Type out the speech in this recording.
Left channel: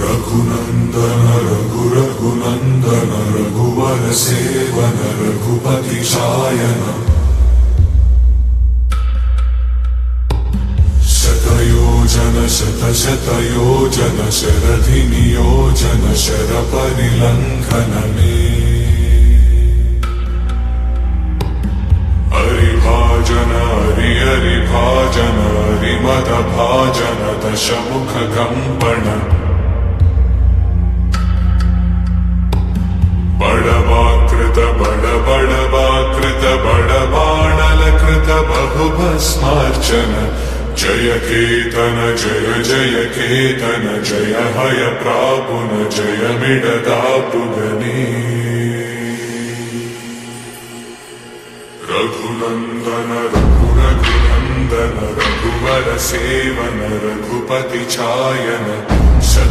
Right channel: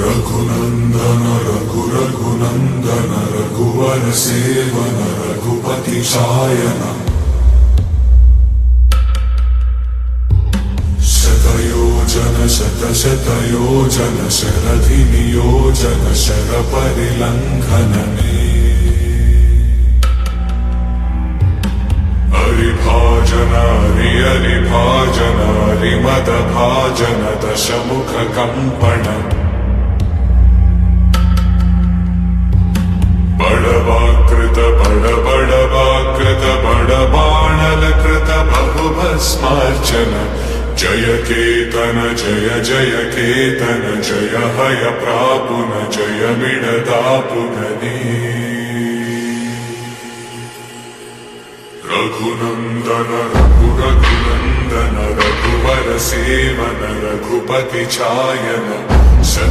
रघुनंदन रघुनंदन रघुवर seven Raghupati Shayan शतयोजन शतशतयोजन शरधि नियोजन sir परिलंघनने हरिभाजन हरिभाजन हरिमद भाजन दशमुख कंपन बड़वाकृत बड़वाकृत बड़बाणलकृत बहुभस्मार्चन जय केतन जय केतन जय हय प्रापुन जय मिडदापुगने रघुनंदन रघुनंदन रघुवर सेवन रघुपति चायन